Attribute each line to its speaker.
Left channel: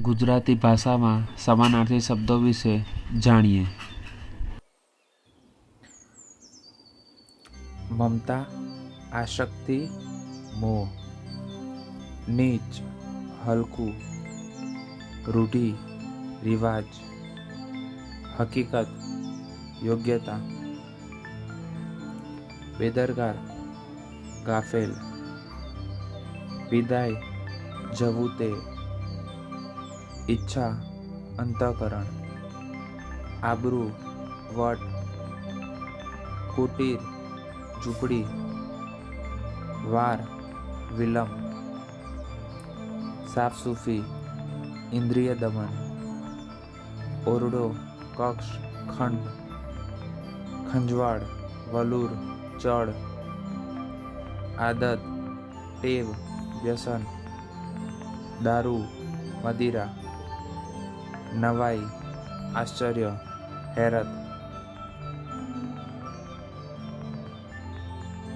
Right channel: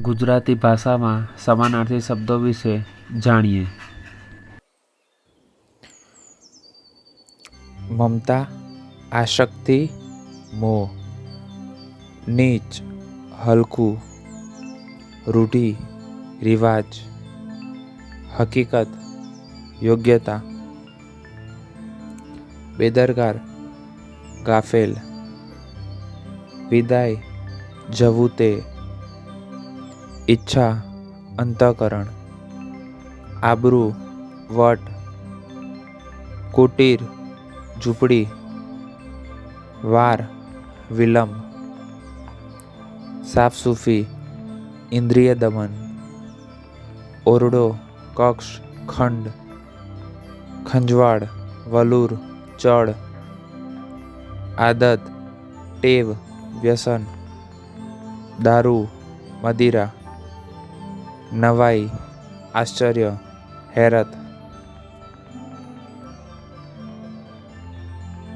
Speaker 1: ગુજરાતી ભાષામાં સમાનાર્થી શબ્દો વિશે જાણીએ
Speaker 2: મમતા આશક્તિ મોહ નીચ હલકું રૂઢિ રિવાજ હકીકત યોગ્યતા બેદરકાર ગાફેલ વિદાય જવું તે ઈચ્છા, અંતઃકરણ, આબરૂ, વટ, કુટીર, ઝૂંપડી, વાર, વિલંબ, સાફસૂફી, ઇન્દ્રિય દમન, ઓરડો, કક્ષ, ખંડ, ખંજવાળ, વલુર, ચડ, આદત, ટેવ, વ્યસન, દારૂ, મદિરા નવાઈ આશ્ચર્ય હેરત.